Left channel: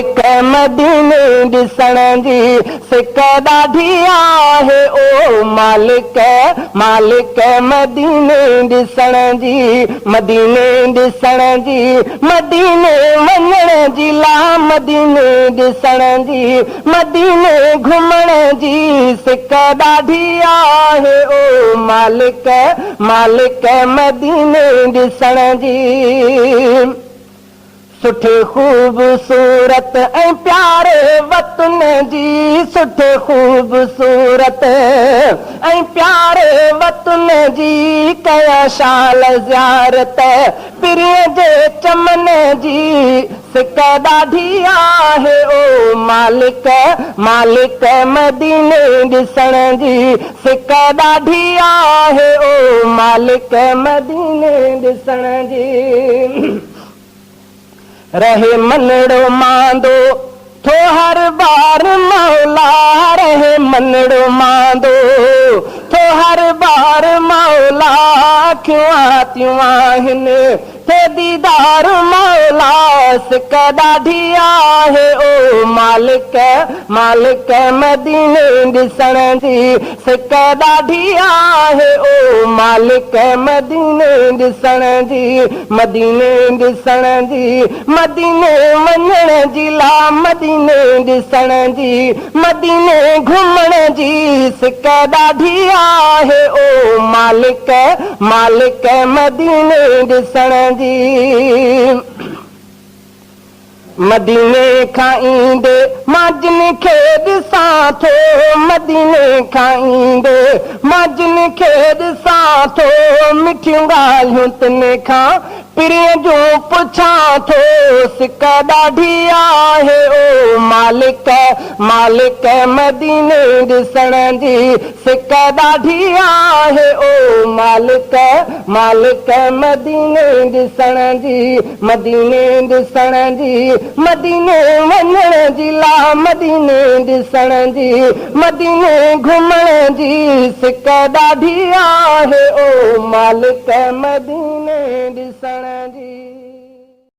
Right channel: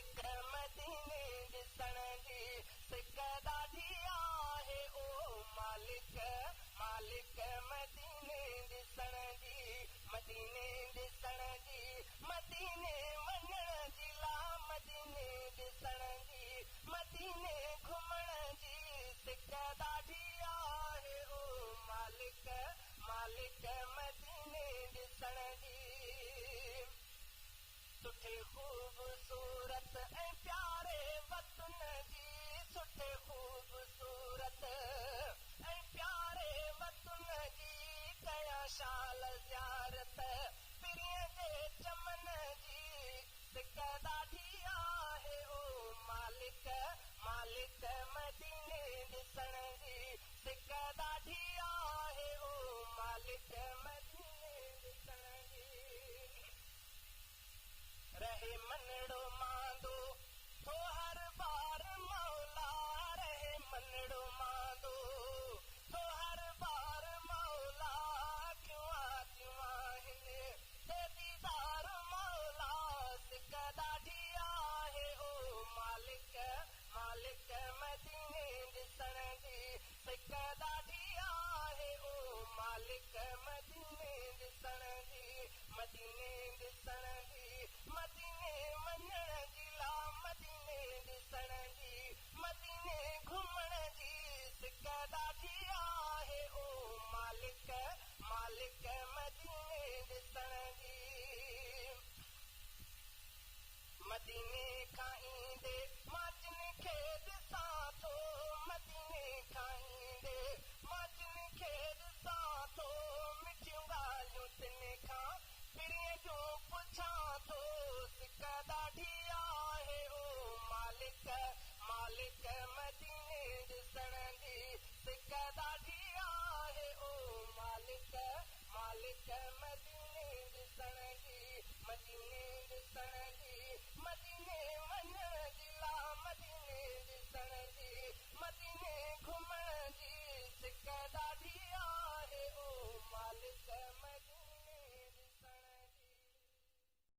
मालिक मदीने ॾिसण जी सिक ॾाढी आहे ओ मालिक मदीने ॾिसण जी मदीने ॾिसण जी मदीने वञण जी ला मदीने ॾिसण जी मदीने घुमण जी सिक ॾाढी आहे ओ मालिक मदीने ॾिसण जी सुठे ख़ूबसूरत ऐं प्यारे वतन जी सुठे ख़ूबसूरत ऐं प्यारे वतन जी कया शाल ज़ियारत पिरीअ जे चमन जी सिक ॾाढी आहे ओ मालिक मदीने ॾिसण जी सिक ॾाढी आहे ओ मालिक मदीने ॾिसण जी रहे मनड़ो मांदो थो हर बार मौला रहे मनड़ो मांदो थो हर बार मौला अखियूं आतियूं आहिनि थे दीदार मौला सिक ॾाढी आहे ओ मालिक मदीने ॾिसण जी सिक ॾाढी आहे ओ मालिक मदीने ॾिसण जी मदीने ॾिसण जी मदीने वञण जी ला मदीने ॾिसण जी मदीने घुमण जी सिक ॾाढी आहे ओ मालिक मदीने ॾिसण जी मदीने खां ईंदे मां जिन खे ॾिसां थो मदीने खां ईंदे मां जिन खे ॾिसां थो मिठियूं ॻाल्हियूं तिन खां पिरीअ जूं पुछां थो सिक ॾाढी आहे ओ मालिक मदीने ॾिसण जी सिक ॾाढी आहे ओ मालिक मदीने ॾिसण जी मदीने ॾिसण जी मदीने वञण जी ला मदीने ॾिसण जी मदीने घुमण जी सिक ॾाढी आहे ओ मालिक मदीने ॾिसण जी